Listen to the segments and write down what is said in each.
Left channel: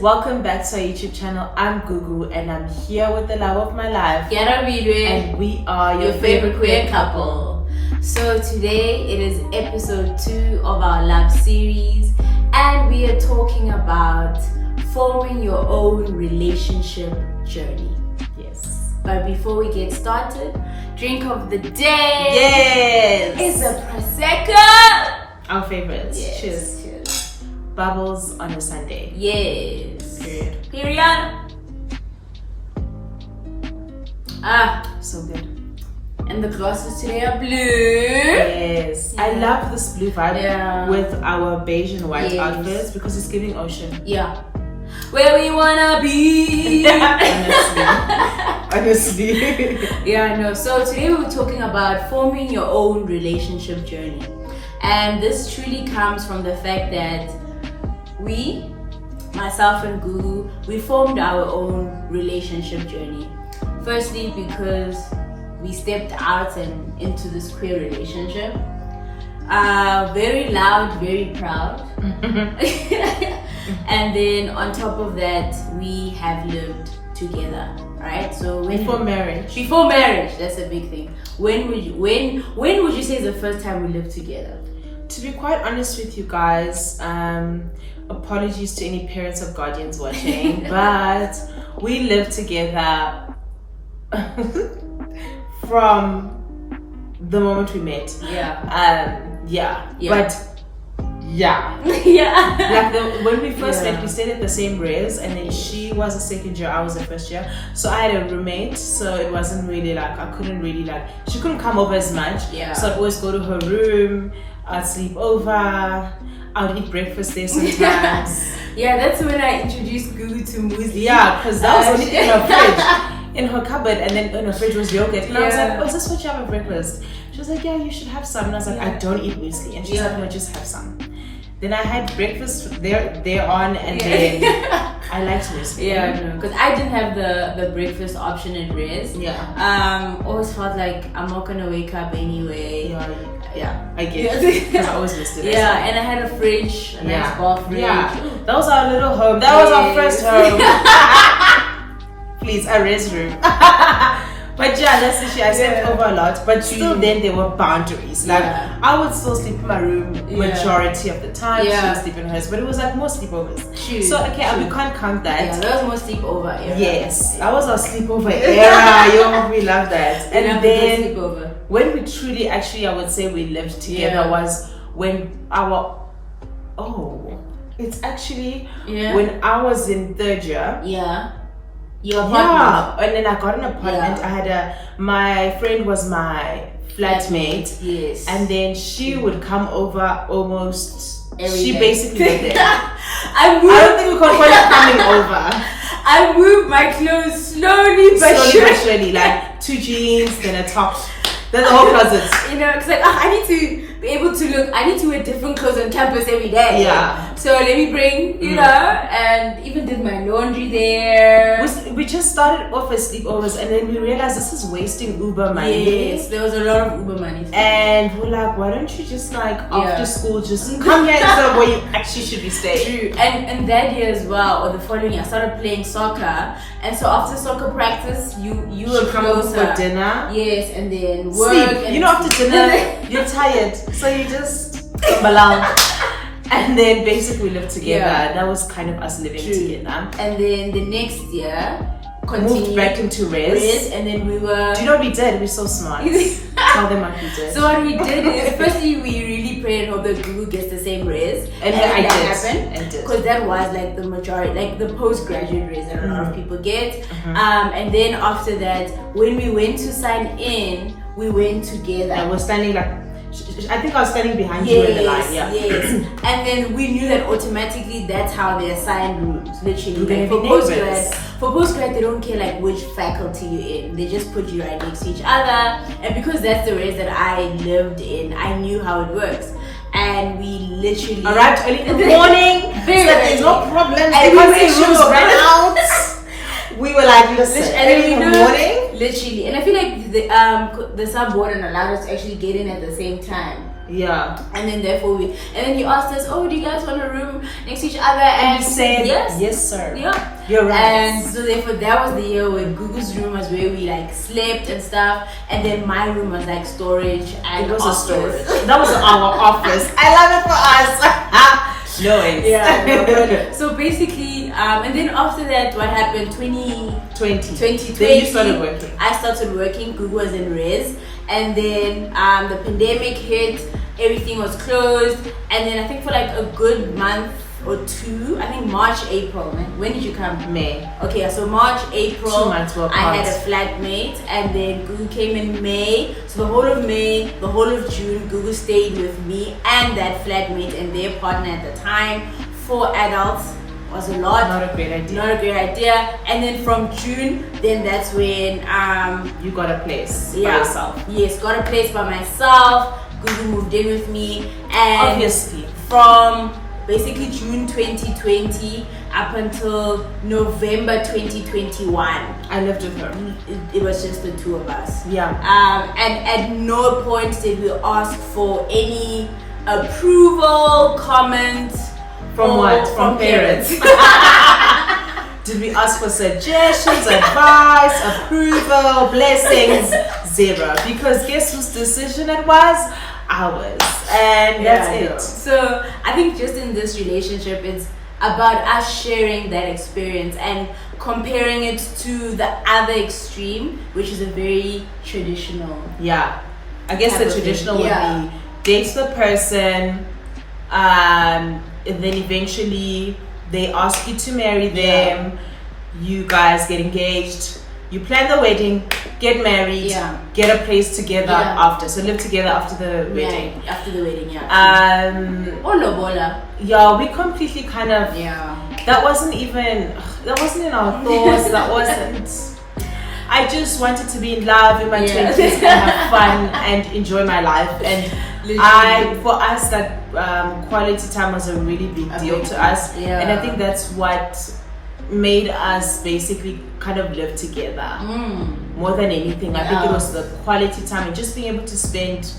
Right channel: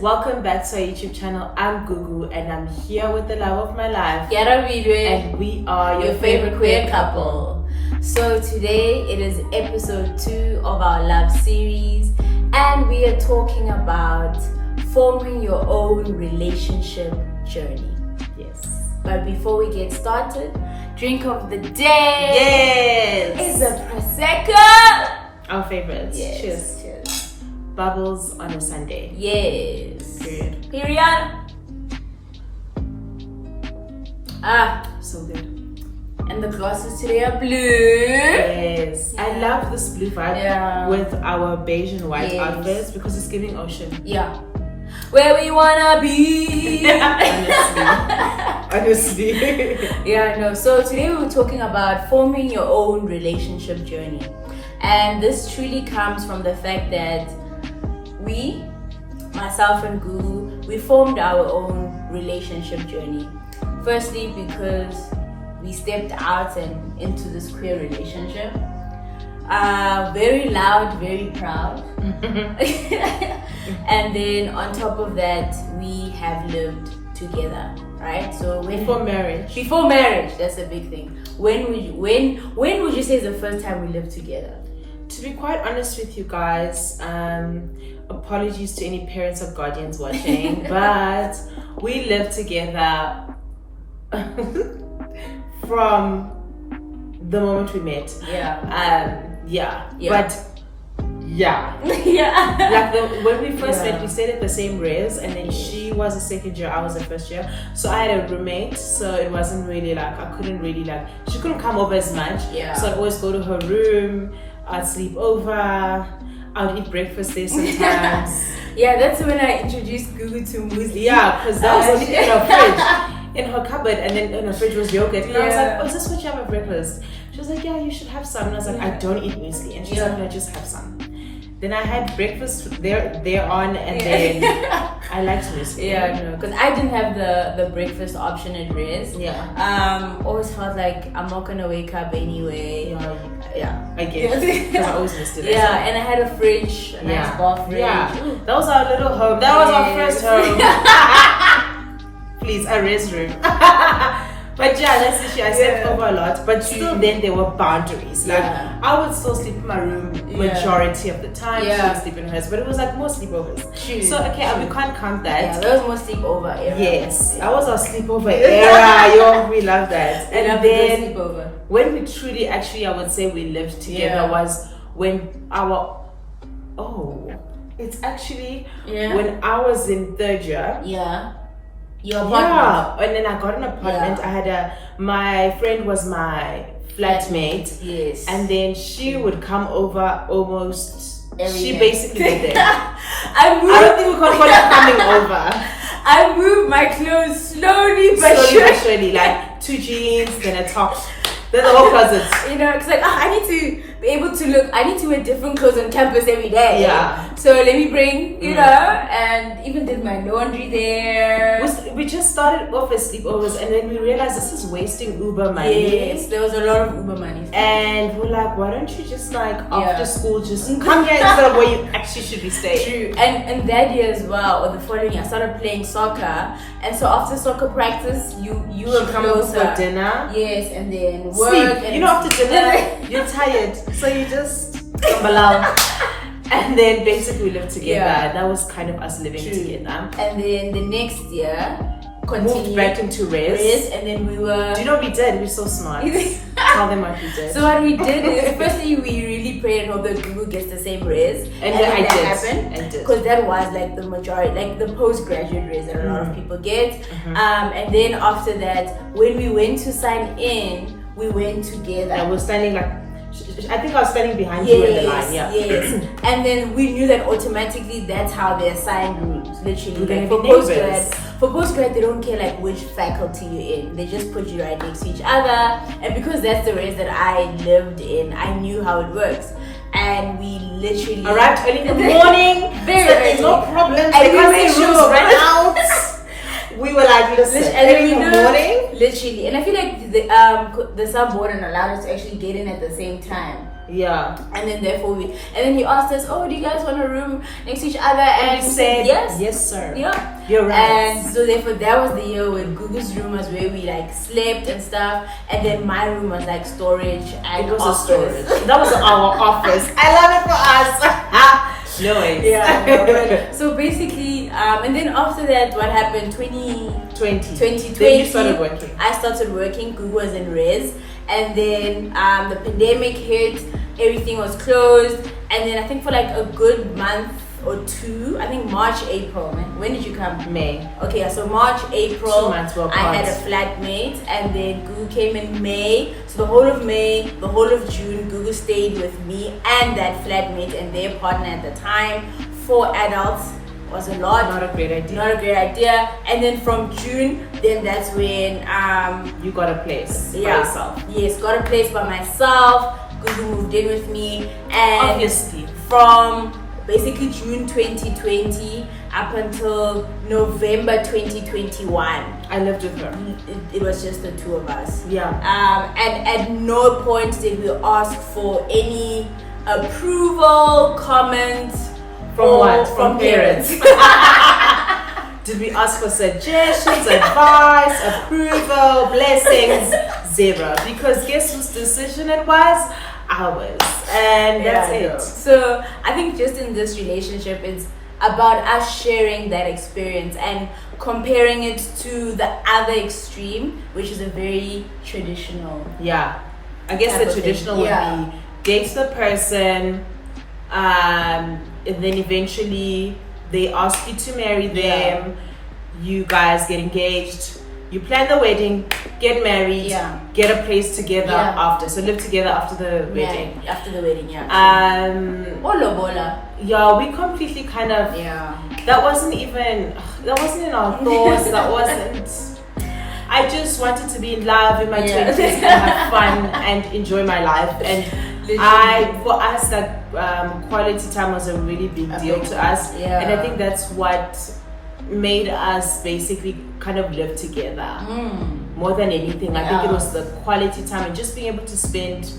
Welcome back to our YouTube channel. I'm Gugu and I'm here with the love of my life, Kearabilwe, and we are your favorite queer couple. So today it is episode 2 of our love series, and we are talking about forming your own relationship journey. Yes. But before we get started, drink of the day. Yes. Is a prosecco. Our favorites. Yes. Cheers. Cheers. Bubbles on a Sunday. Yes. Period. So good. And the glasses today are blue. Yes. Yeah. I love this blue vibe with our beige and white outfits because it's giving ocean. Yeah. Where we wanna be. Honestly. Yeah, no. So today we were talking about forming your own relationship journey. And this truly comes from the fact that we, myself and Gugu, we formed our own relationship journey. Firstly, because we stepped out and into this queer relationship. Very loud, very proud. And then on top of that, we have lived together, right? So before marriage, that's a big thing. When would you say is the first time we lived together? To be quite honest with you guys, apologies to any parents or guardians watching, but we lived together from the moment we met. When we first met, we stayed at the same res, and then she was a second year, I was a first year. So I had a roommate, so it wasn't really she couldn't come over as much. So I'd always go to her room, I'd sleep over, I'd eat breakfast there sometimes. That's when I introduced Gugu to Muzi. Yeah, because that was only in her fridge, in her cupboard, and then in her fridge was yogurt. And I was like, oh, is this what you have at breakfast? She was like, yeah, you should have some. And I was like, I don't eat muesli. And she's like, no, just have some. Then I had breakfast there on, and then I liked muesli. Yeah, no, because I didn't have the breakfast option at Res. Always felt like I'm not gonna wake up anyway. I get it, because I always missed it. And I had a fridge, a nice bar fridge. That was our little home. That was our first home. Please, a res room. But that's the shit. I slept over a lot, but still then there were boundaries. I would still sleep in my room majority of the time. She would sleep in hers, but it was like more sleepovers. So we can't count that. That was more sleepover era. Yes, that was our sleepover era. We love that. And then when we truly, actually, I would say we lived together was when it's actually when I was in third year. Your apartment. And then I got an apartment. I had my friend was my flatmate. Yes. And then she would come over almost every day. Basically lived there. I don't think we could call it coming over. I moved my clothes slowly but surely, like 2 jeans, then a top. Then the whole closet. Because I need to be able to look. I need to wear different clothes on campus every day. So let me bring, and even did my laundry there. We just started off as sleepovers, and then we realized this is wasting Uber money. Yes, there was a lot of Uber money. And we're like, why don't you just after school just come here instead of where you actually should be staying? True. And that year as well, or the following year, I started playing soccer. And so after soccer practice, you were come over for dinner. Yes, and then work. Sleep. And after dinner, you're tired. So you just balal. And then basically we lived together. That was kind of us living together. And then the next year, moved back into res. And then we were... Do you know what we did? We're so smart. Tell them what we did. So what we did is, firstly, we really prayed and hope that Gugu gets the same res. And that happened. Because that was like the majority, like the postgraduate res that a lot of people get. And then after that, when we went to sign in, we went together. And we're standing I think I was standing behind you in the line. Yes. And then we knew that automatically that's how they assign rooms. Literally. For postgrad, they don't care which faculty you're in. They just put you right next to each other. And because that's the res that I lived in, I knew how it works. And we literally arrived early in the morning. So there's no problem. And we made rooms right out. We were like, listen, early in the morning. Literally. And I feel like the sub warden allowed us to actually get in at the same time. Yeah. And then therefore and then he asked us, oh, do you guys want a room next to each other? And we said, yes sir. Yeah. You're right. And so therefore that was the year when Gugu's room was where we like slept and stuff, and then my room was like storage and it was office. a storage. That was our office. I love it for us. No way. Yeah. So basically, and then after that, what happened? 2020. Then you started working. I started working. Gugu was in res, and then the pandemic hit. Everything was closed, and then I think for like a good month or two, I think March, April. When did you come? May. Okay, so March, April. 2 months were I had a flatmate, and then Gugu came in May. So the whole of May, the whole of June, Gugu stayed with me and that flatmate and their partner at the time. 4 adults was a lot. Not a great idea. Not a great idea. And then from June, then that's when you got a place by yourself. Yes, got a place by myself. Gugu moved in with me, and obviously from basically June 2020 up until November 2021, I lived with her. It was just the two of us. Yeah. And at no point did we ask for any approval, comments from parents. Did we ask for suggestions, advice, approval, blessings? Zero. Because guess whose decision it was? Ours. And that's it. So I think just in this relationship, it's about us sharing that experience and comparing it to the other extreme, which is a very traditional. Yeah. I guess the traditional would be date the person, and then eventually they ask you to marry them, you guys get engaged, you plan the wedding, get married, get a place together after. So live together after the wedding. After the wedding, lobola. Yeah, we completely kind of that wasn't in our thoughts. That wasn't. I just wanted to be in love in my 20s and have fun and enjoy my life. And for us, that quality time was a really big deal to us. And I think that's what made us basically kind of live together more than anything. I think it was the quality time and just being able to spend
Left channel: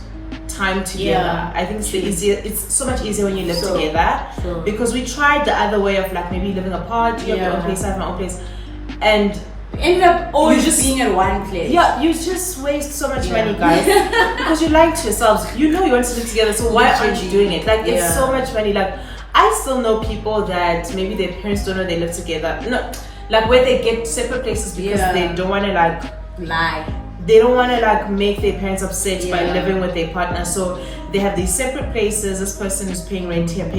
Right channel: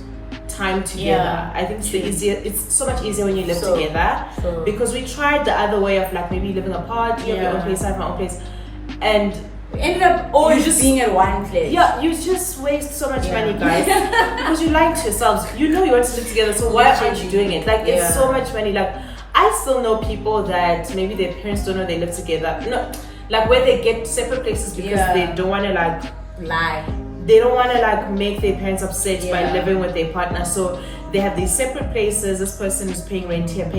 time together. I think it's so much easier when you live together, because we tried the other way of like maybe living apart. You have your own place, I have my own place, and we ended up always just being in one place. Yeah, you just waste so much money, guys, because you're lying to yourselves. You know you want to live together, so why aren't you doing it? Like it's so much money. Like I still know people that maybe their parents don't know they live together. No, like where they get separate places because they don't want to like lie. They don't want to like make their parents upset by living with their partner. So they have these separate places. This person is paying rent here,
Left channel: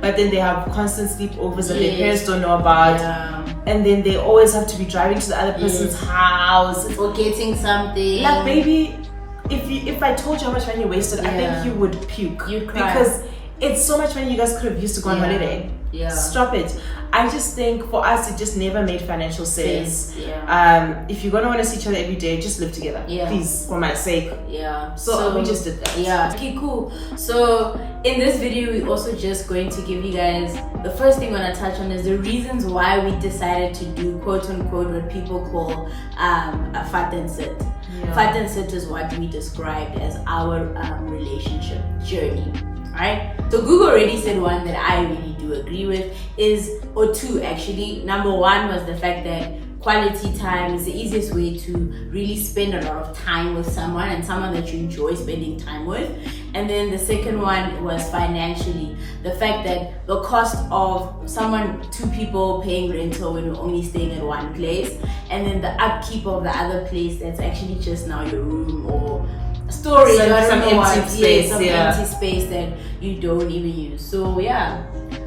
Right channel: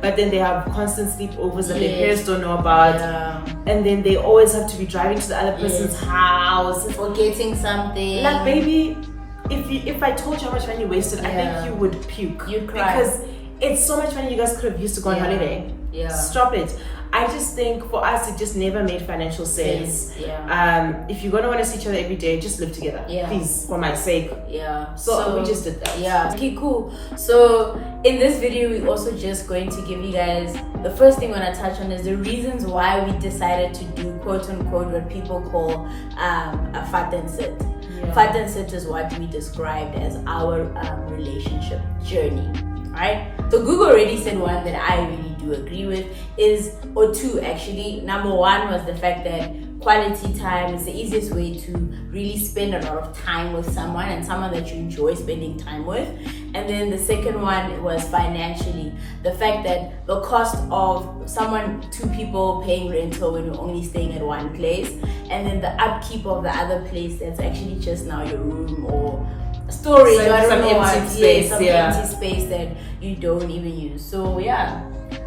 but then they have constant sleepovers that their parents don't know about. And then they always have to be driving to the other person's house, forgetting something. Like baby, if I told you how much money you wasted, I think you would puke. You'd cry. Because it's so much money you guys could have used to go on holiday. Stop it. I just think for us it just never made financial sense. If you're gonna want to see each other every day, just live together. Please, for my sake. So we just did that. Okay, cool. So in this video we're also just going to give you guys, the first thing I want to touch on is the reasons why we decided to do quote unquote what people call a fat and sit. Fat and sit is what we described as our relationship journey. Alright, so Google already said one that I really do agree with or two actually. Number one was the fact that quality time is the easiest way to really spend a lot of time with someone, and someone that you enjoy spending time with. And then the second one was financially, the fact that the cost of two people paying rental when you're only staying at one place, and then the upkeep of the other place that's actually just now your room or storage, some empty space, empty space that you don't even use. So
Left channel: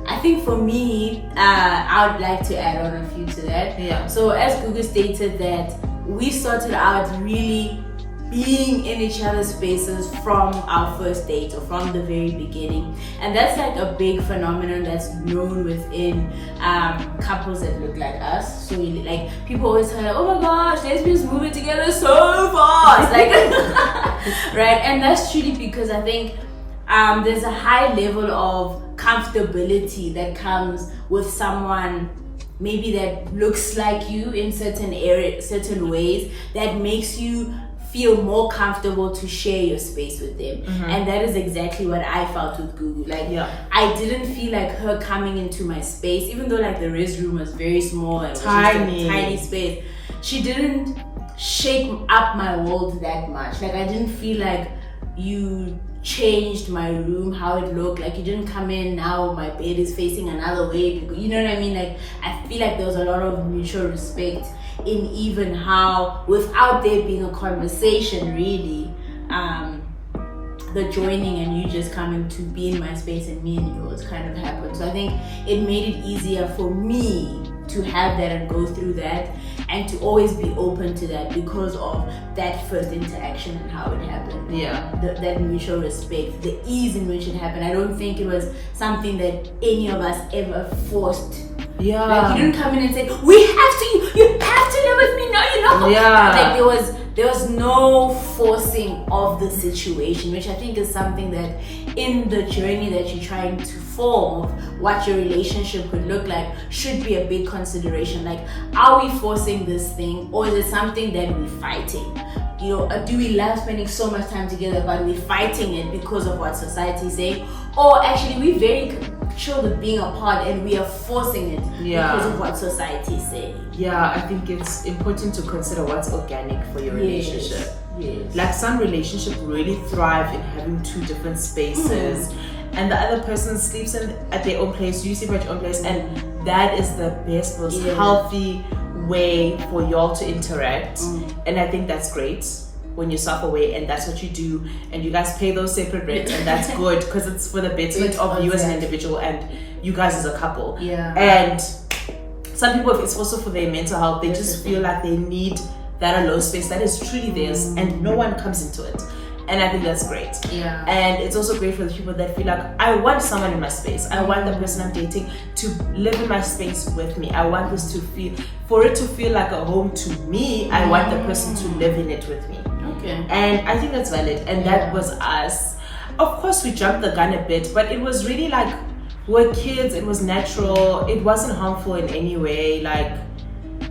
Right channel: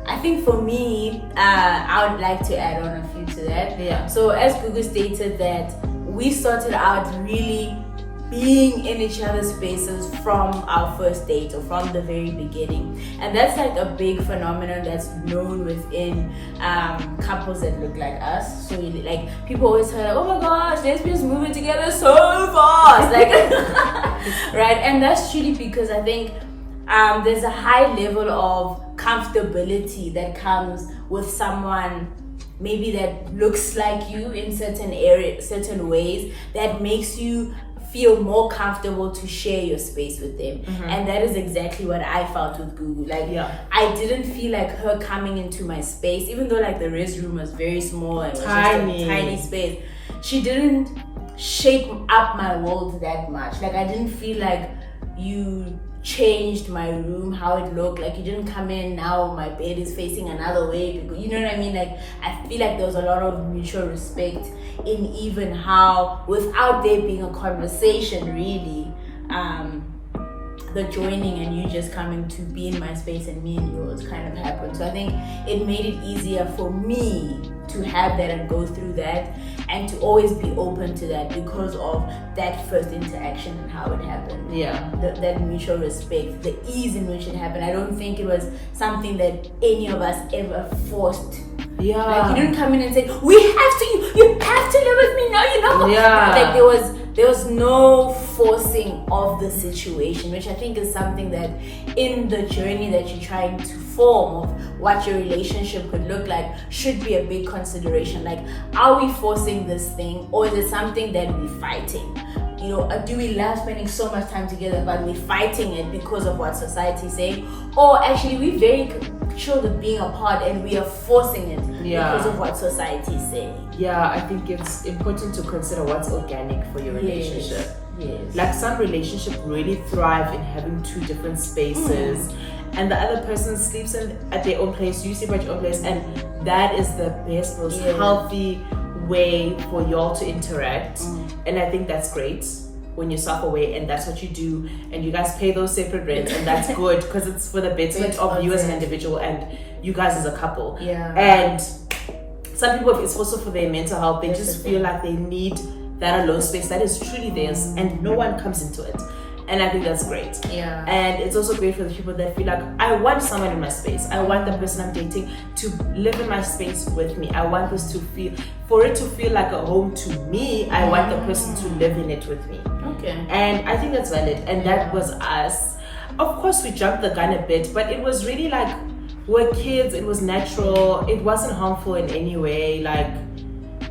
I think for me, I would like to add on a few to that. So as Gugu stated, that we started out really being in each other's spaces from our first date or from the very beginning, and that's like a big phenomenon that's known within couples that look like us. So like people always tell, oh my gosh, lesbians moving together so fast, like right? And that's truly because I think there's a high level of comfortability that comes with someone maybe that looks like you in certain ways, that makes you feel more comfortable to share your space with them. And that is exactly what I felt with Gugu. Like, I didn't feel like her coming into my space, even though like the res room was very small and tiny. Was just a tiny space. She didn't shake up my world that much. Like, I didn't feel like you changed my room, how it looked. Like, you didn't come in, now my bed is facing another way, because, you know what I mean? Like, I feel like there was a lot of mutual respect in even how, without there being a conversation really, the joining and you just coming to be in my space and me and yours kind of happened. So I think it made it easier for me to have that and go through that, and to always be open to that because of that first interaction and how it happened. That mutual respect, the ease in which it happened. I don't think it was something that any of us ever forced. Like, you didn't come in and say, you have to live with me, no, you're not. Like, there was no forcing of the situation, which I think is something that in the journey that you're trying to form of what your relationship could look like should be a big consideration. Like, are we forcing this thing, or is it something that we're fighting? You know, do we love spending so much time together, but we're fighting it because of what society is saying? Or actually we're very sure of being apart and we are forcing it because of what society is saying? I think it's important to consider what's organic for your relationship. Like, some relationships really thrive in having two different spaces, and the other person sleeps at their own place, you sleep at your own place, and that is the best, most healthy way for y'all to interact. And I think that's great when you're self-aware and that's what you do, and you guys pay those separate rents, and that's good because it's for the betterment of you as an individual and you guys as a couple. And some people, it's also for their mental health. They just feel like they need that alone space that is truly theirs, and no one comes into it. And I think that's great. And it's also great for the people that feel like, I want someone in my space. I want the person I'm dating to live in my space with me. I want this to feel, for it to feel like a home to me. I want the person to live in it with me. And I think that's valid. And that was us. Of course, we jumped the gun a bit, but it was really like, we're kids. It was natural. It wasn't harmful in any way. Like,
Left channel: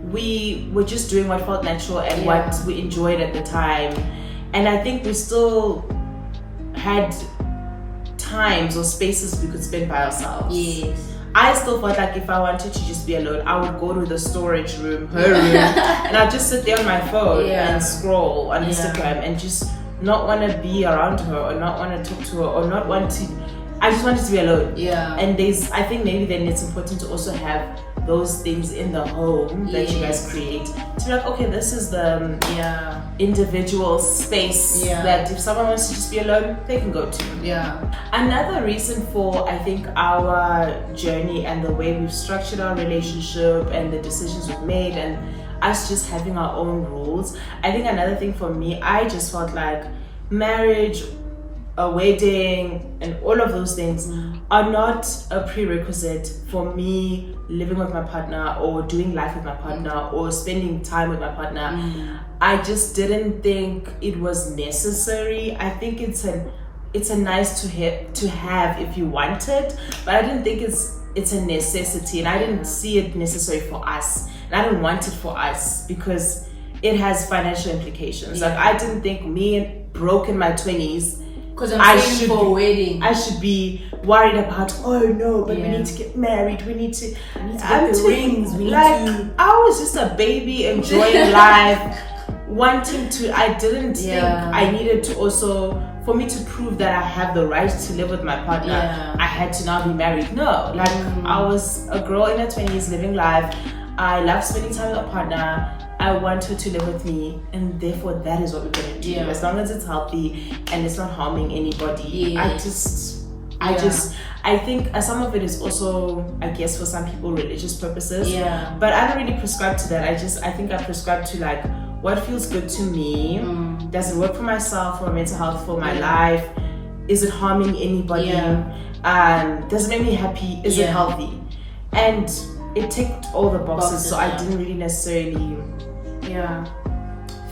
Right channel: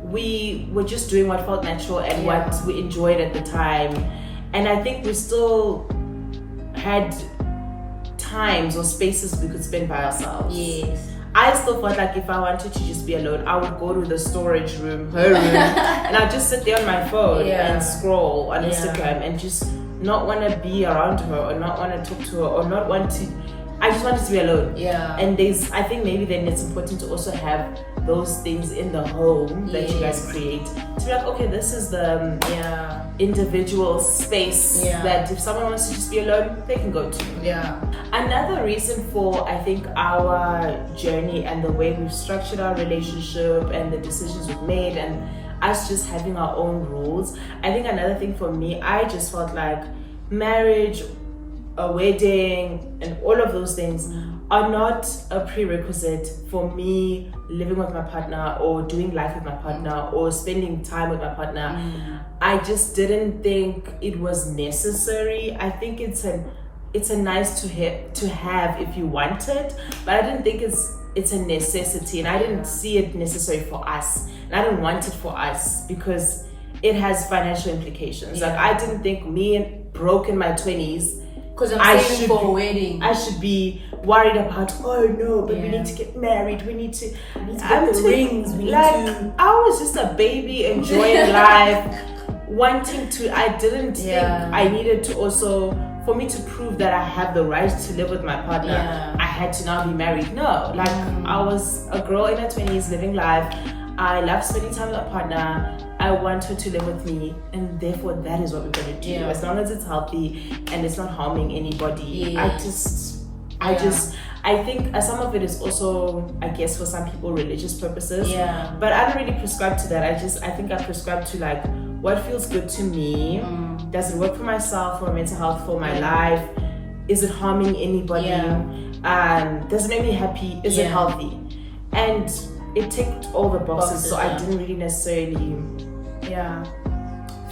we were just doing what felt natural and what we enjoyed at the time. And I think we still had times or spaces we could spend by ourselves. I still felt like if I wanted to just be alone, I would go to the storage room, her room, and I'd just sit there on my phone and scroll on Instagram and just not want to be around her, or not want to talk to her, or not want to. I just wanted to be alone. And I think maybe then it's important to also have those things in the home that you guys create, to be like, okay, this is the individual space that if someone wants to just be alone, they can go to. Another reason for, I think, our journey and the way we've structured our relationship and the decisions we've made and us just having our own rules, I think another thing for me, I just felt like marriage, a wedding, and all of those things are not a prerequisite for me living with my partner or doing life with my partner or spending time with my partner. I just didn't think it was necessary. I think it's a nice to have if you want it, but I didn't think it's a necessity, and I didn't see it necessary for us, and I didn't want it for us because it has financial implications. Like, I didn't think me broke in my 20s, because I'm saving for a wedding, I should be worried about, oh no, but we need to get married, we need to get the rings, I was just a baby enjoying life, wanting to. I didn't think I needed to also, for me to prove that I have the right to live with my partner, I had to now be married. No, like, I was a girl in her 20s living life. I love spending time with a partner. I want her to live with me, and therefore that is what we're gonna do, as long as it's healthy and it's not harming anybody. I think some of it is also, I guess, for some people, religious purposes. But I don't really prescribe to that. I think I prescribe to like what feels good to me. Does it work for myself, for my mental health, for my life? Is it harming anybody? Does it make me happy? Is it healthy? And it ticked all the boxes, so I didn't really necessarily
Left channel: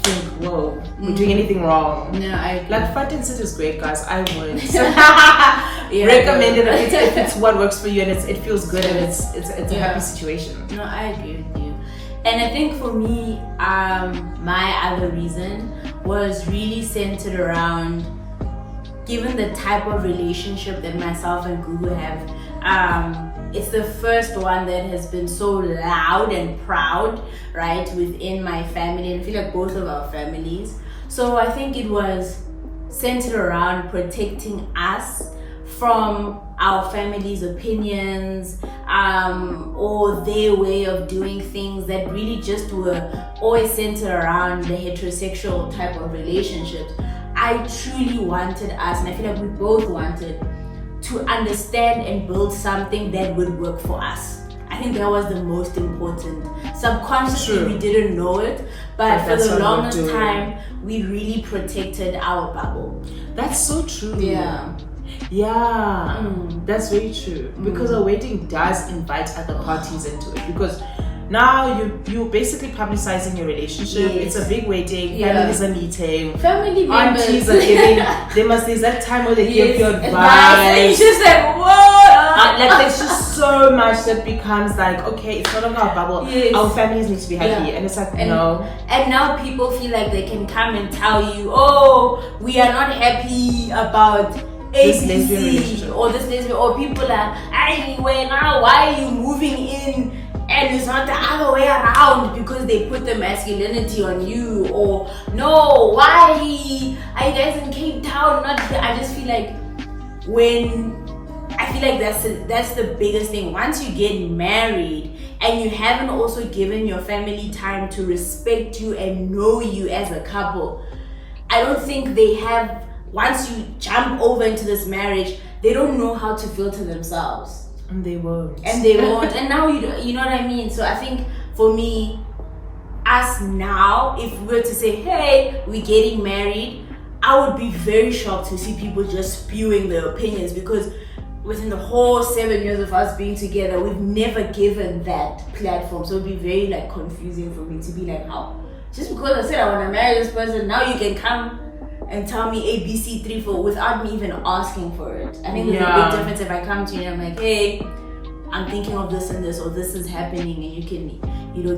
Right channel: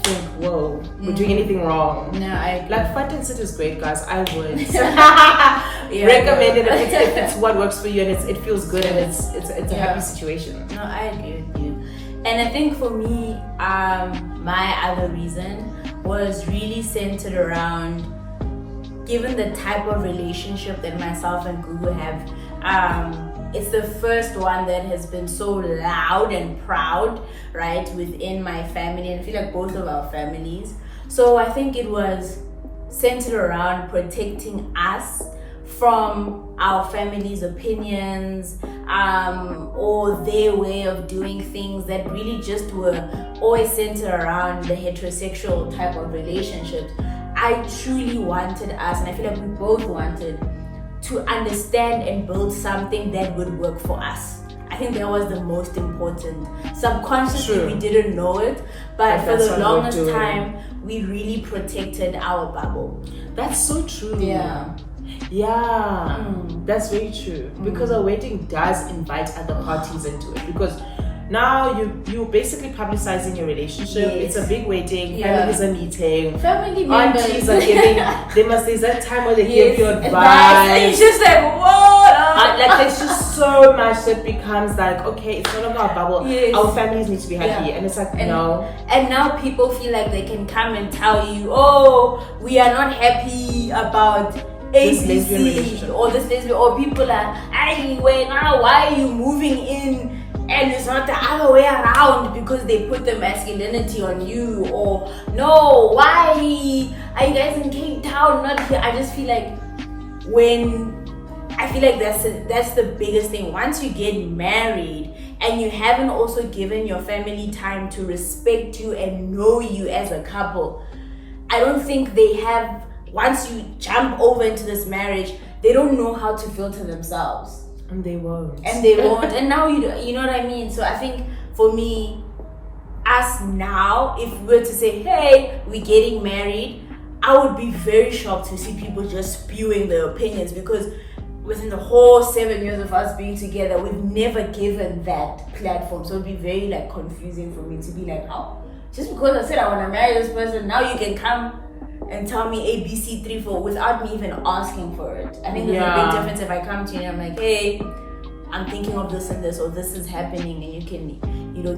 think, whoa, we're doing anything wrong. Like, front and sit is great, guys. I would recommend it if it's what works for you and it feels good and it's a happy situation. I agree with you. And I think for me, my other reason was really centered around, given the type of relationship that myself and Gugu have, it's the first one that has been so loud and proud, right, within my family, and I feel like both of our families. So I think it was centered around protecting us from our family's opinions, or their way of doing things that really just were always centered around the heterosexual type of relationships. I truly wanted us, and I feel like we both wanted, to understand and build something that would work for us. I think that was the most important. Subconsciously, we didn't know it, but for the longest time, we really protected our bubble. That's so true. Yeah, that's very true. Because a wedding does invite other parties into it. Because now you're basically publicizing your relationship. It's a big wedding. Families are meeting. Family members. Aunties are giving. There's that time where they give you advice. And you just like, whoa! Like there's just so much that becomes like, okay, it's not about our bubble. Our families need to be happy, and it's like no. And now people feel like they can come and tell you, oh, we are not happy about this lesbian relationship, or this lesbian, or people are, hey, why are you moving in? And it's not the other way around because they put the masculinity on you, or no, why are you guys in Cape Town, not here? I just feel like that's the biggest thing. Once you get married and you haven't also given your family time to respect you and know you as a couple, I don't think they have. Once you jump over into this marriage, they don't know how to filter themselves. And they won't. And now you know what I mean? So I think for me, us now, if we were to say, hey, we're getting married, I would be very shocked to see people just spewing their opinions, because within the whole 7 years of us being together, we've never given that platform. So it'd be very like confusing for me to be like, oh, just because I said I want to marry this person, now you can come and tell me A, B, C, 3, 4 without me even asking for it. I think there's a big difference if I come to you and I'm like, hey, I'm thinking of this and this, or this is happening, and you can,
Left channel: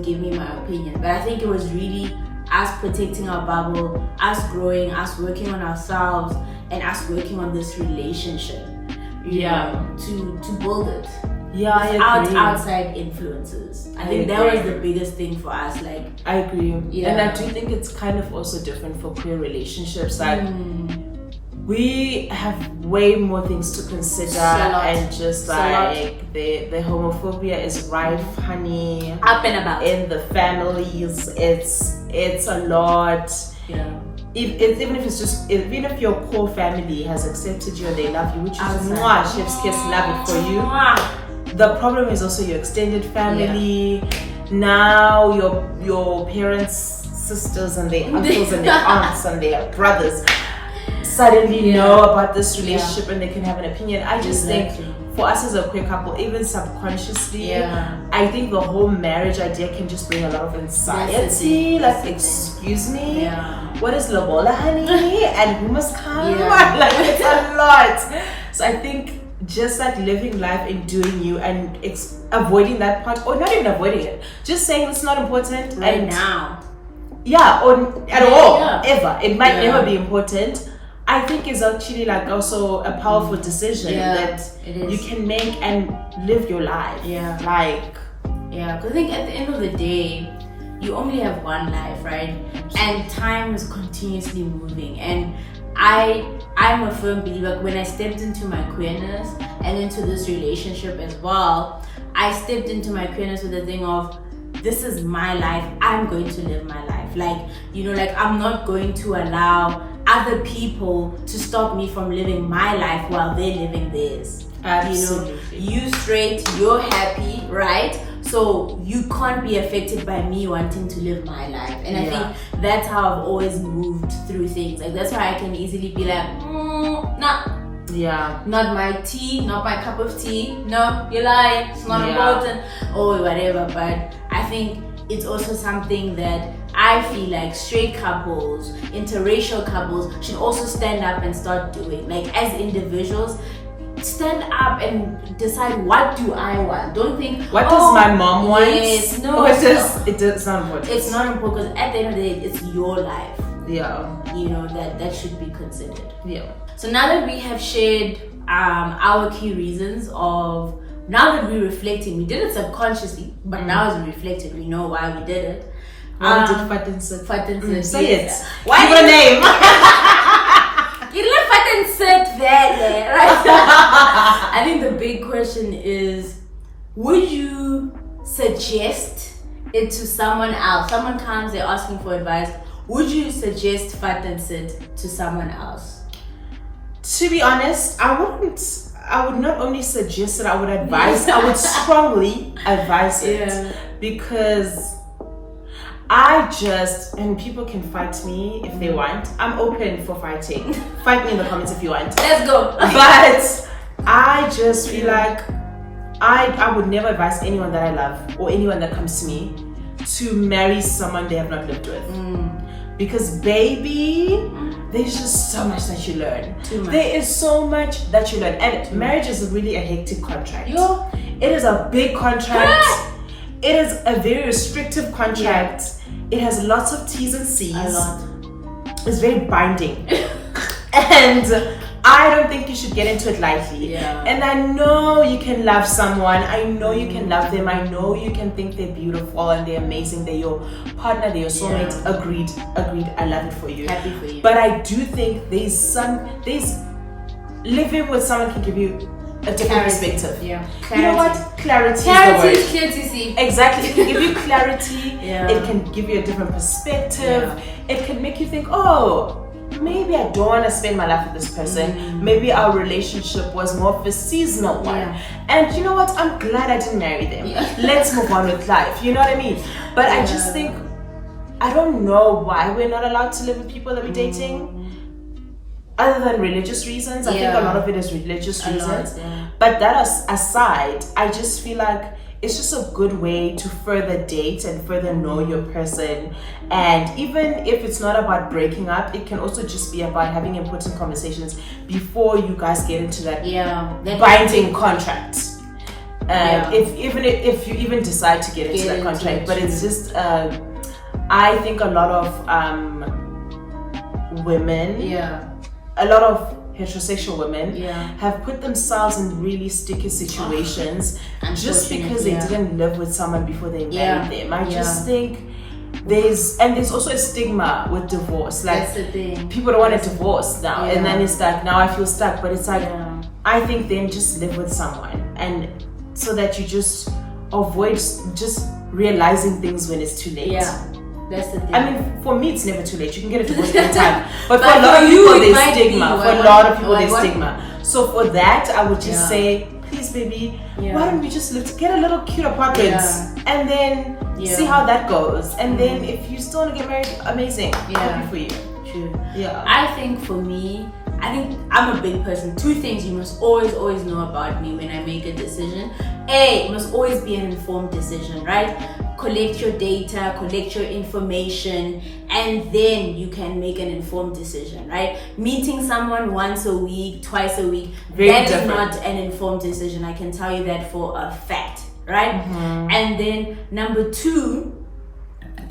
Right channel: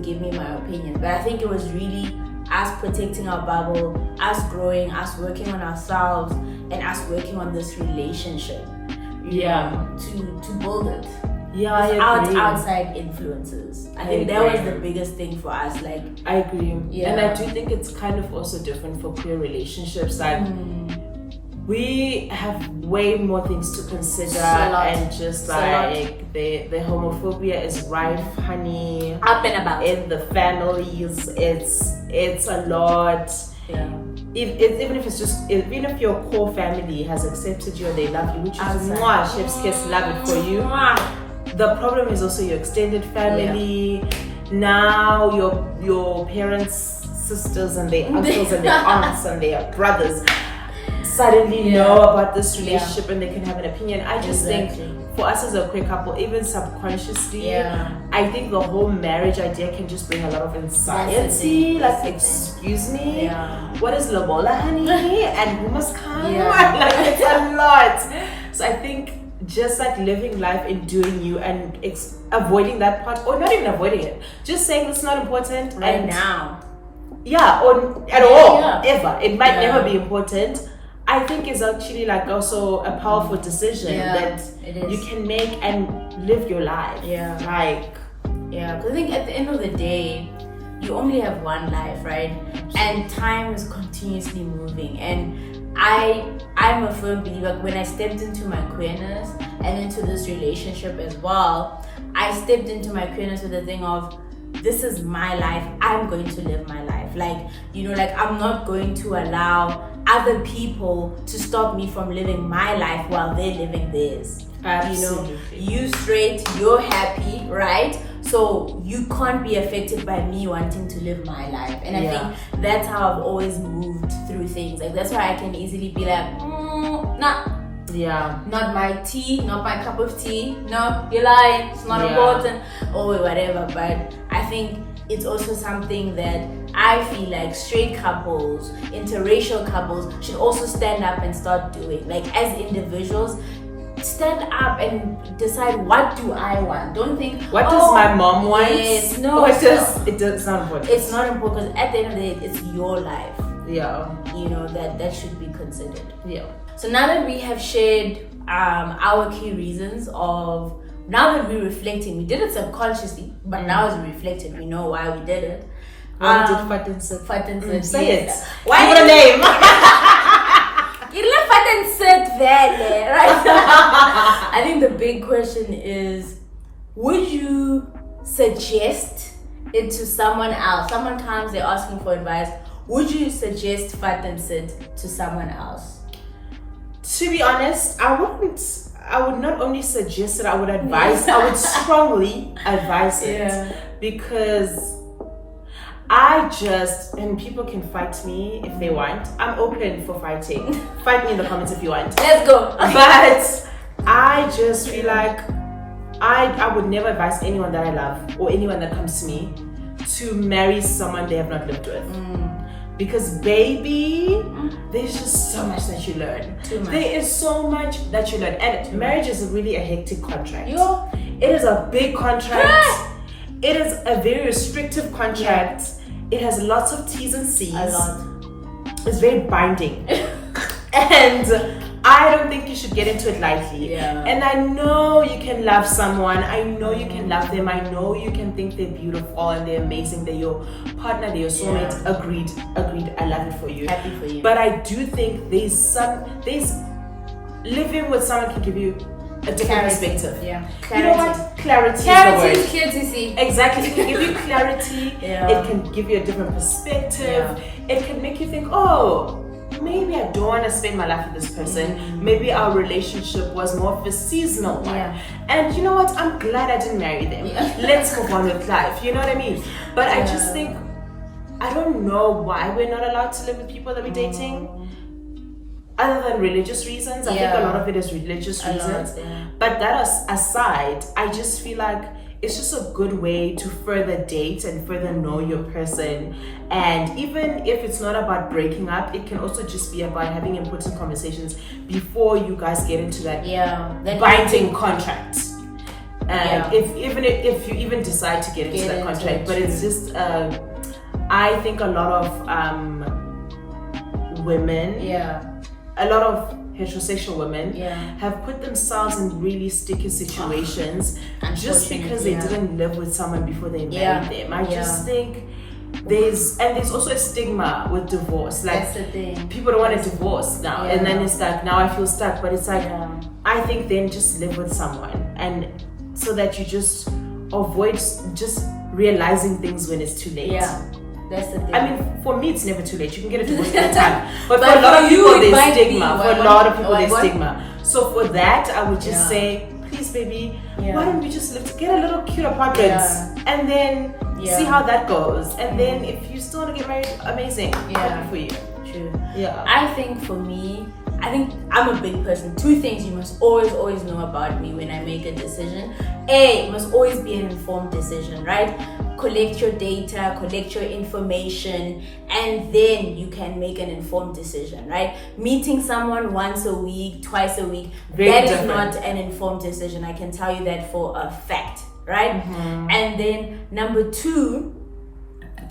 give me my opinion. But I think it was really us protecting our bubble, us growing, us working on ourselves, and us working on this relationship. To build it. Without outside influences. I think that was the biggest thing for us. Like, I agree. And I do think it's kind of also different for queer relationships. Like we have way more things to consider, and just like the homophobia is rife, honey, up and about in the families. It's a lot. Even if your core family has accepted you and they love you, which is chef's kiss, love it for you. The problem is also your extended family. Now your parents, sisters, and their uncles and their aunts and their brothers suddenly know about this relationship and they can have an opinion. I just think for us as a queer couple, even subconsciously, I think the whole marriage idea can just bring a lot of anxiety. Like, excuse me, what is lobola, honey? And who must come? Like, it's a lot. So I think just like living life and doing you and avoiding that part, or not even avoiding it, just saying it's not important right now. Or at all, ever. It might never be important. I think is actually like also a powerful decision that you can make and live your life. Because I think at the end of the day, you only have one life, right? And time is continuously moving. And I'm a firm believer, when I stepped into my queerness and into this relationship as well, I stepped into my queerness with the thing of, this is my life, I'm going to live my life. Like, I'm not going to allow other people to stop me from living my life while they're living theirs. Absolutely. You straight, you're happy, right? So you can't be affected by me wanting to live my life. And I think that's how I've always moved through things. Like, that's why I can easily be like, not my tea, not my cup of tea. No, you're lying, it's not important, or whatever. But I think it's also something that I feel like straight couples, interracial couples should also stand up and start doing. Like, as individuals, stand up and decide, what do I want? Don't think, what does my mom want? Yes, no, it's not important. It's not important, because at the end of the day, it's your life. you know, that should be considered. Yeah. So now that we have shared our key reasons of, now that we're reflecting, we did it subconsciously, but now as we reflected, we know why we did it. Why did Fat and Sit? Say it. Why give it a name? You left Fat and Sit there, right? I think the big question is, would you suggest it to someone else? Someone comes, they're asking for advice. Would you suggest Fat and Sit to someone else? To be honest, I would not only suggest it, I would advise, I would strongly advise it. Because and people can fight me if they want. I'm open for fighting. Fight me in the comments if you want. Let's go. But I just feel like I would never advise anyone that I love or anyone that comes to me to marry someone they have not lived with. Because baby, there's just so much that you learn. Too much. There is so much that you learn. And marriage is really a hectic contract. It is a big contract. It is a very restrictive contract. It has lots of T's and C's. A lot. It's very binding. And I don't think you should get into it lightly. And I know you can love someone. I know you can love them. I know you can think they're beautiful and they're amazing. They're your partner, they're your soulmate. Agreed. I love it for you. Happy for you. But I do think living with someone can give you a different perspective. You know what? Clarity is the word. Is clear to see. Exactly. It can give you clarity. It can give you a different perspective. It can make you think, oh, maybe I don't want to spend my life with this person. Maybe our relationship was more of a seasonal one. And you know what? I'm glad I didn't marry them. Let's move on with life. You know what I mean? But I just think, I don't know why we're not allowed to live with people that we're dating. Other than religious reasons. I think a lot of it is religious reasons. But that aside, I just feel like it's just a good way to further date and further know your person. And even if it's not about breaking up, it can also just be about having important conversations before you guys get into that binding contract. If you even decide to get into that contract. But it's just, I think a lot of women, a lot of heterosexual women have put themselves in really sticky situations just because they didn't live with someone before they married them. I just think there's also a stigma with divorce. Like, that's the thing. People don't want to divorce now, and then it's like, now I feel stuck. But it's like, I think then just live with someone, and so that you just avoid just realizing things when it's too late. That's the thing. I mean, for me, it's never too late. You can get a divorce anytime. But for a lot of people, there's stigma. For a lot of people, there's stigma. So for that, I would just say, please, baby, why don't we just get a little cute apartment and then see how that goes. And then if you still want to get married, amazing. Happy for you. True. I think for me, I'm a big person. Two things you must always know about me when I make a decision. It must always be an informed decision, right? Collect your data, collect your information, and then you can make an informed decision, right? Meeting someone once a week, twice a week, that is not an informed decision. I can tell you that for a fact, right? And then number two,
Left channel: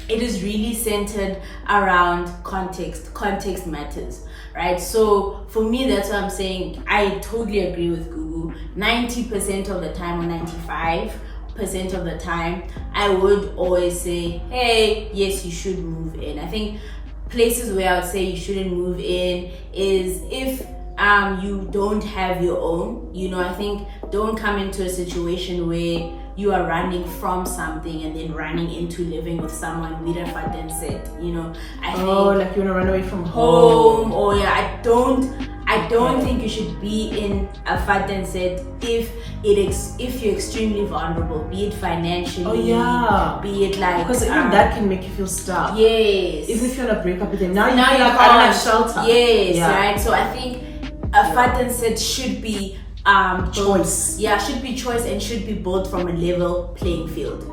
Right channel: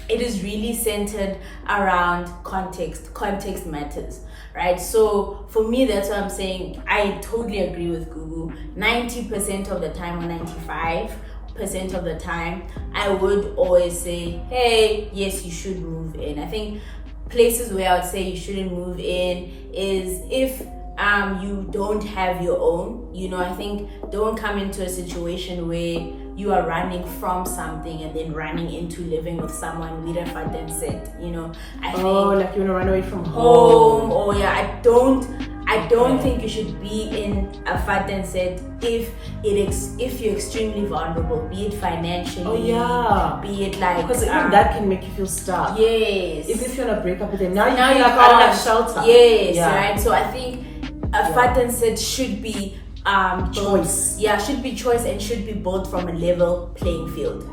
it is really centered around context. Context matters, right? So for me, that's what I'm saying. I totally agree with Gugu. 90% of the time, or 95% of the time, I would always say, hey, yes, you should move in. I think places where I would say you shouldn't move in is if you don't have your own. I think don't come into a situation where you are running from something and then running into living with someone with a fat and set. I think, like you want to run away from home. I don't think you should be in a fat and set if you're extremely vulnerable, be it financially, be it like, because even that can make you feel stuck. Yes. Even if you want to break up with them, now you feel like I don't have shelter. Yes, right. So I think a fat and set should be choice. Should be choice and should be built from a level playing field.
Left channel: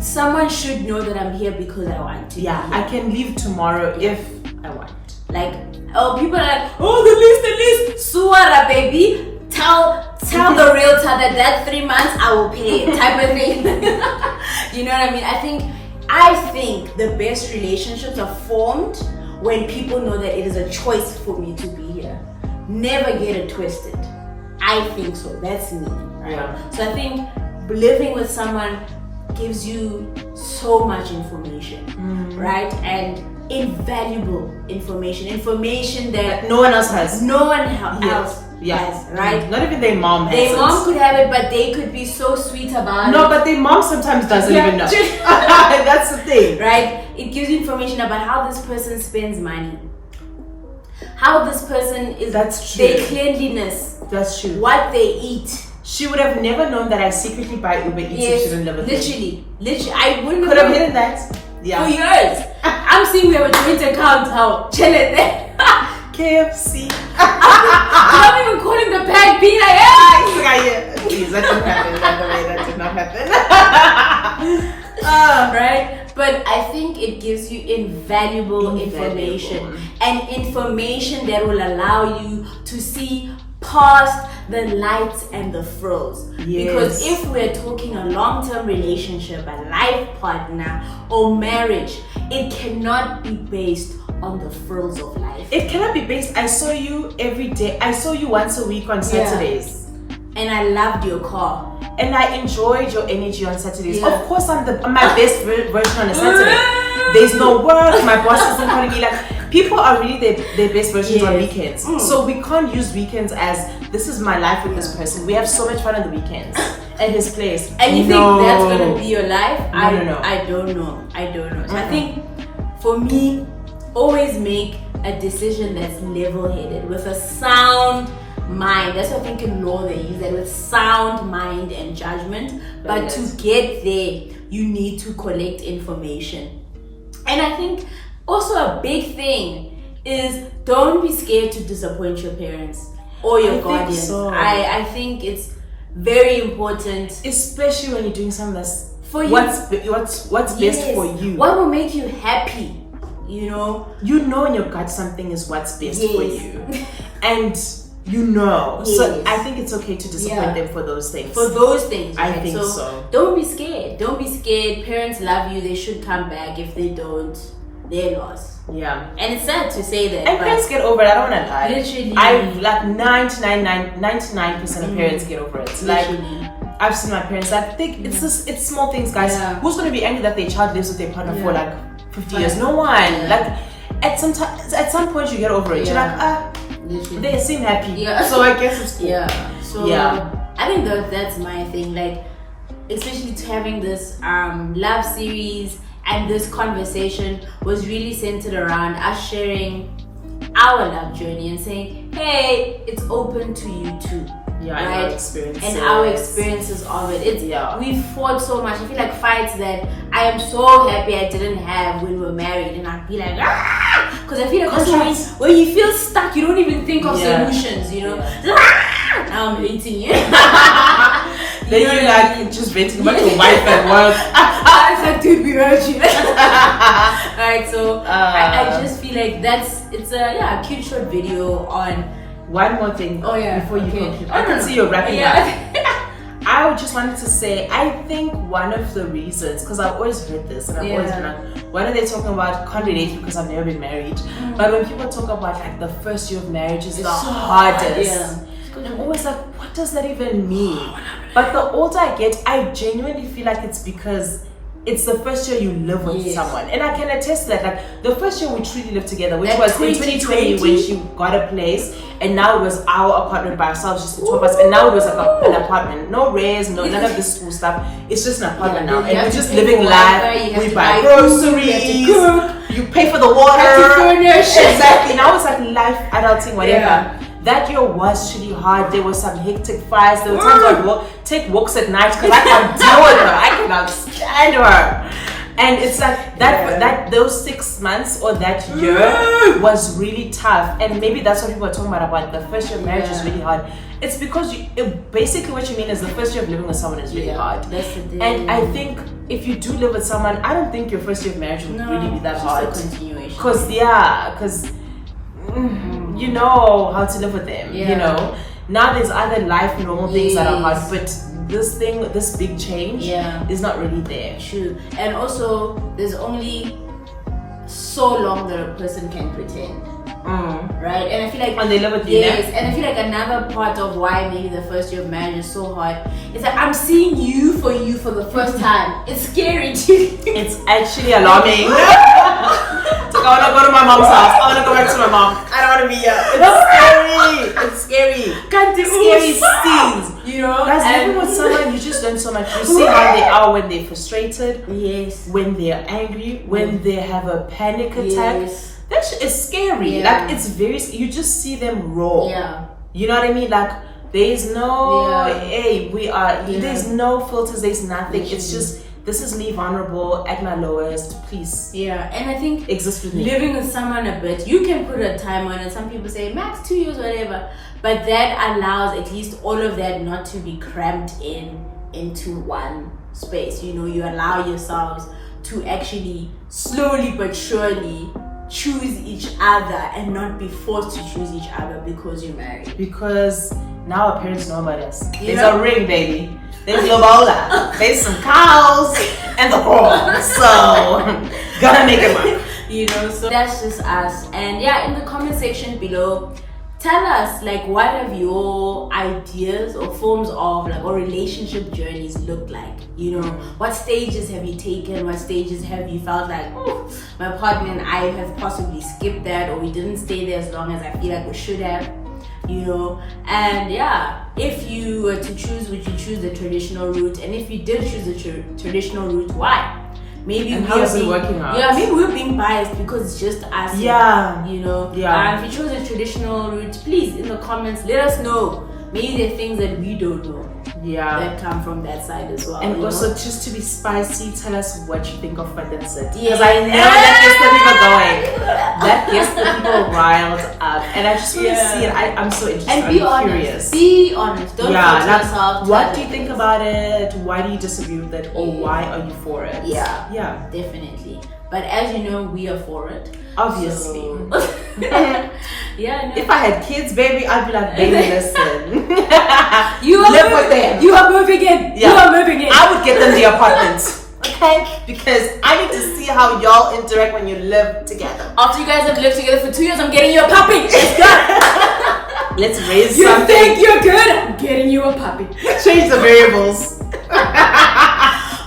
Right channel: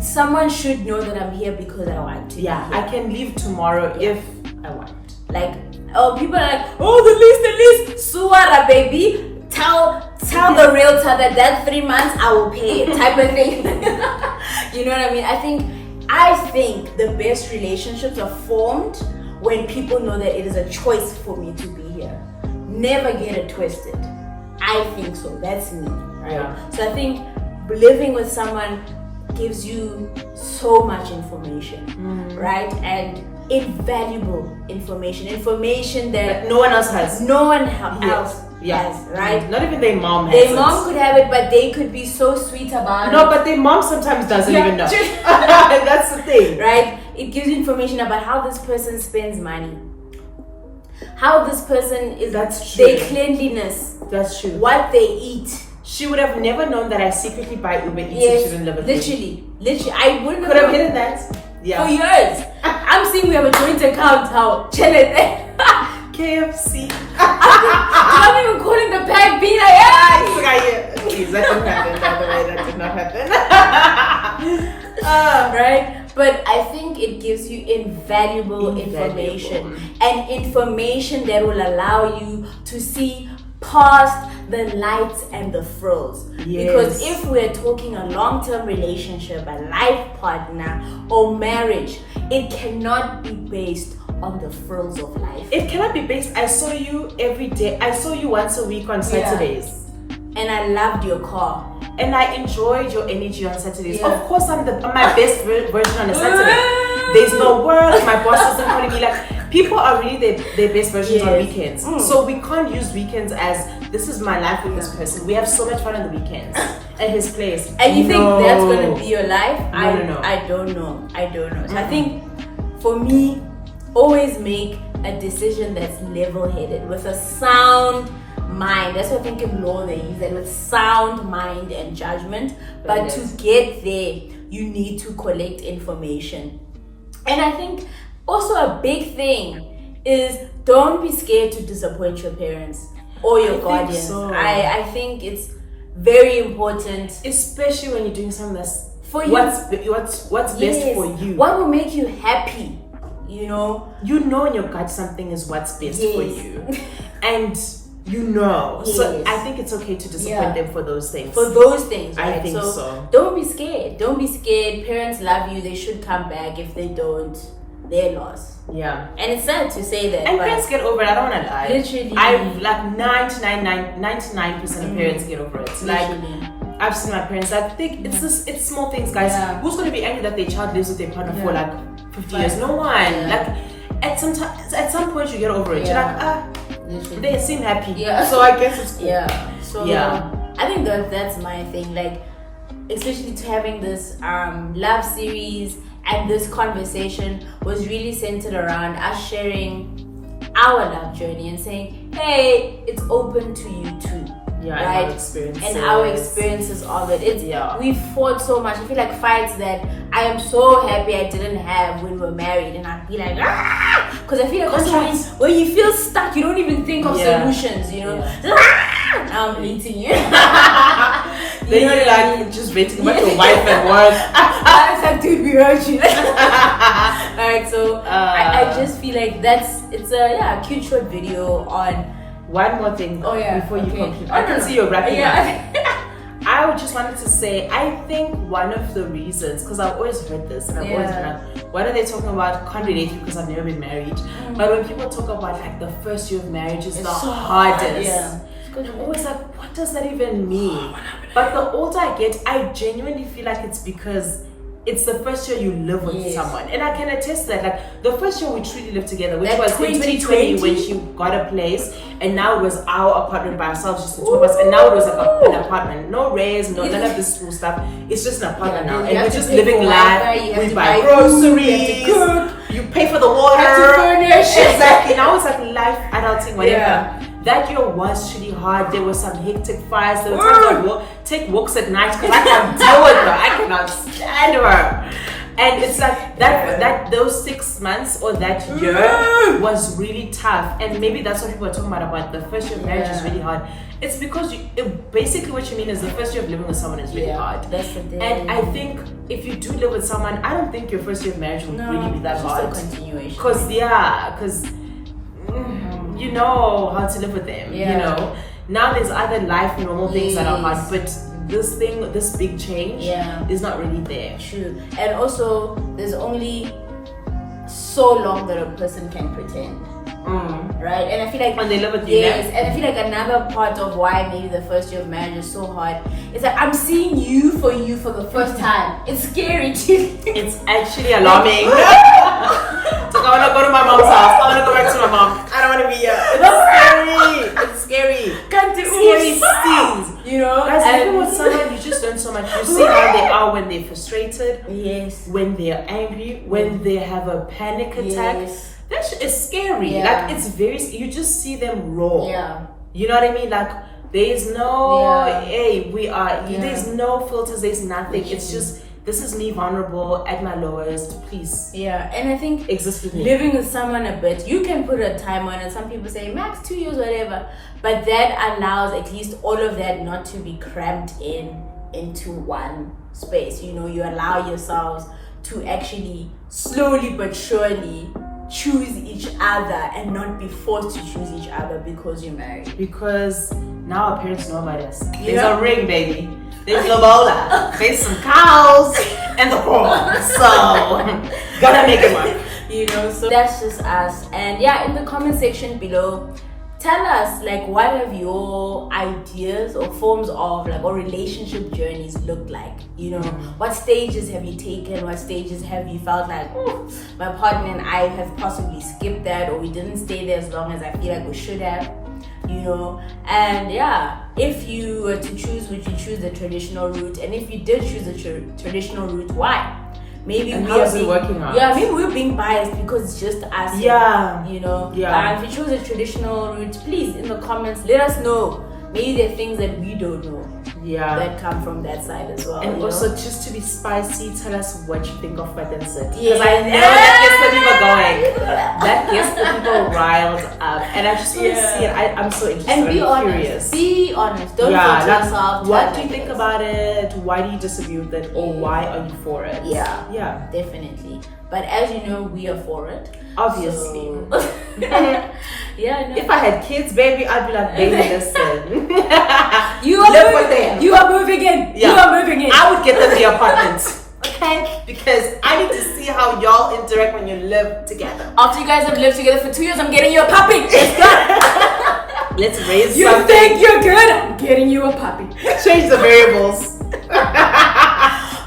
Someone should know that I'm here because I want to. I can leave tomorrow if I want. Like, people are like, the least, Suara, baby. Tell the realtor that 3 months I will pay it, type of thing. You know what I mean? I think the best relationships are formed when people know that it is a choice for me to be here. Never get it twisted. I think so. That's me, right? Yeah. So I think living with someone gives you so much information, right? And invaluable information that no one else has. No one else has, right? Not even their mom has Their mom could have it, but they could be so sweet about it. No, but their mom sometimes doesn't even know. That's the thing. Right? It gives you information about how this person spends money. How this person is, that's true. Their cleanliness. That's true. What they eat. She would have never known that I secretly buy Uber Eats if she didn't live with me. Literally. I wouldn't could have hidden that. Yeah. For years. I'm seeing we have a joint account. How chill it there. KFC. I'm even calling the bag, being like, hey! Please, that didn't happen. By the way, that did not happen. Right? But I think it gives you invaluable information. And information that will allow you to see past the lights and the frills. Yes. Because if we're talking a long-term relationship, a life partner, or marriage, it cannot be based on the frills of life. It cannot be based. I saw you every day. I saw you once a week on Saturdays. And I loved your car. And I enjoyed your energy on Saturdays. Of course, I'm my best version on a Saturday. There's no work. My boss isn't calling me. Like, people are really their best versions on weekends. So we can't use weekends as this is my life with this person. We have so much fun on the weekends at his place. And you think that's gonna be your life? No. I don't know. So I think for me, always make a decision that's level-headed with a sound mind. That's what I think in law they use that, with sound mind and judgment. But to get there, you need to collect information. And I think also a big thing is don't be scared to disappoint your parents or your guardians. So. I think it's very important, especially when you're doing something that's for you. What's best for you? What will make you happy? You know in your gut something is what's best for you, and so I think it's okay to disappoint them for those things. Right? I think so. Don't be scared. Parents love you. They should come back. If they don't, they're lost. Yeah. And it's sad to say that. And parents get over it. I don't want to lie. Literally. I've like 99% of parents get over it. Literally. Like, I've seen my parents. I think it's small things, guys. Yeah. Who's gonna be angry that their child lives with their partner for like 50 years? No one. Yeah. Like at some point you get over it. Yeah. You're like they seem happy. Yeah. So I guess it's cool. Yeah. So I think that's my thing. Like, especially to having this love series and this conversation was really centered around us sharing our love journey and saying, hey, it's open to you too. Yeah, right? And our experiences of it. We've fought so much. I feel like fights that I am so happy I didn't have when we were married, and I'd be like, because I feel like also when you feel stuck, you don't even think of solutions, you know. Now I'm hating you. Then you're like just venting about your wife at work. It's like, dude, we heard you. Alright, so I just feel like it's a cute short video on. One more thing before you conclude. I can see you're wrapping up. I just wanted to say, I think one of the reasons, because I've always heard this and I've always been like, what are they talking about? Can't relate to because I've never been married. But when people talk about like the first year of marriage is the hardest. I'm always like, what does that even mean? But the older I get, I genuinely feel like it's because it's the first year you live with someone. And I can attest to that. Like the first year we truly lived together, which was in 2020 when she got a place, and now it was our apartment by ourselves, just the two of us. And now it was like an apartment. No raise, none of this school stuff. It's just an apartment now. And we're just living life. We buy groceries. You pay for the water. Exactly. Now it's like life, adulting, whatever. That year was really hard. There were some hectic fights. There were times I would take walks at night because I can't deal with her. I cannot stand her. And it's like that those 6 months or that year was really tough. And maybe that's what people are talking about the first year of marriage is really hard. It's because basically what you mean is the first year of living with someone is really hard. That's the thing. And I think if you do live with someone, I don't think your first year of marriage will really be that hard. It's a continuation. Because you know how to live with them. You know, now there's other life normal things that are hard, but this big change is not really there. True. And also there's only so long that a person can pretend. Right? And I feel like when they live with you, yes, and I feel like another part of why maybe the first year of marriage is so hard is that I'm seeing you for the first time. It's scary too. It's actually alarming. So I want to go to my mom's house. I want to go back to my mom. I don't want to be here. It's scary. Scary scenes. You know? Guys, living with someone, you just learn so much. You see how they are when they're frustrated. Yes. When they're angry. When they have a panic attack. Yes. That shit is scary. Like, it's very, you just see them raw. Yeah. You know what I mean? Like, there's no, there's no filters, there's nothing. It's just, this is me vulnerable at my lowest, please. Yeah, and I think exist with me. Living with someone a bit, you can put a time on it. Some people say max 2 years, whatever. But that allows at least all of that not to be cramped into one space. You know, you allow yourselves to actually slowly but surely choose each other and not be forced to choose each other because you're married. Because now our parents know about us. There's a ring, baby. There's lobola. There's some cows and the horse. So gotta make it work. You know, so that's just us. And yeah, in the comment section below, tell us like what have your ideas or forms of like or relationship journeys looked like. You know, what stages have you taken? What stages have you felt like, oh, my partner and I have possibly skipped that, or we didn't stay there as long as I feel like we should have, you know? And yeah, if you were to choose, would you choose the traditional route? And if you did choose the traditional route, why? Maybe and how is it working out? Yeah, maybe we're being biased because it's just us. Yeah. You know? Yeah. If you chose a traditional route, please, in the comments, let us know. Maybe there are things that we don't know. Yeah. That come from that side as well. And also, just to be spicy, tell us what you think of Fadensit. Because I know that gets the people going. That gets the people riled up. And I just want to see it. I'm so interested. And be honest. Curious. Be honest. Don't force yourself. What do you think about it? Why do you disagree with it? Or why are you for it? Yeah. Yeah. Definitely. But as you know, we are for it. Obviously. So. Yeah. No. If I had kids, baby, I'd be like, baby, listen. You are moving in. Yeah. You are moving in. I would get them the apartment. Okay? Because I need to see how y'all interact when you live together. After you guys have lived together for 2 years, I'm getting you a puppy. Let's go. Let's raise you something. You think you're good? I'm getting you a puppy. Change the variables.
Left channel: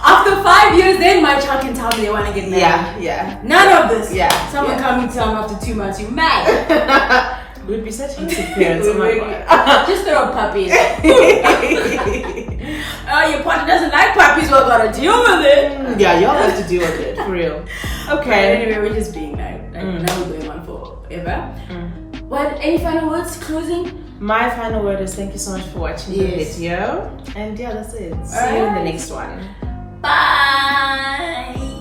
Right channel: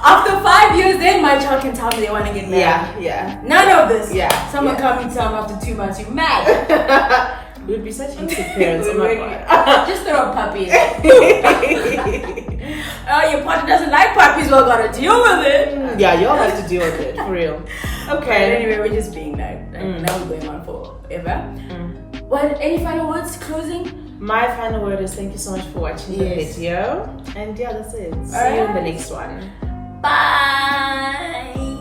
After 5 years, then my child can tell me they want to get married. Yeah. None of this. Yeah. Someone come and tell me after 2 months, you mad. We'd be such innocent parents. Oh my God. Just throw a puppy in. Oh, your partner doesn't like puppies. Well, gotta deal with it. Yeah, y'all have to deal with it for real. Okay. Anyway, we're just being like now we're going on forever. What? Any final words? Closing? My final word is thank you so much for watching the video. And yeah, that's it. See you in the next one. Bye.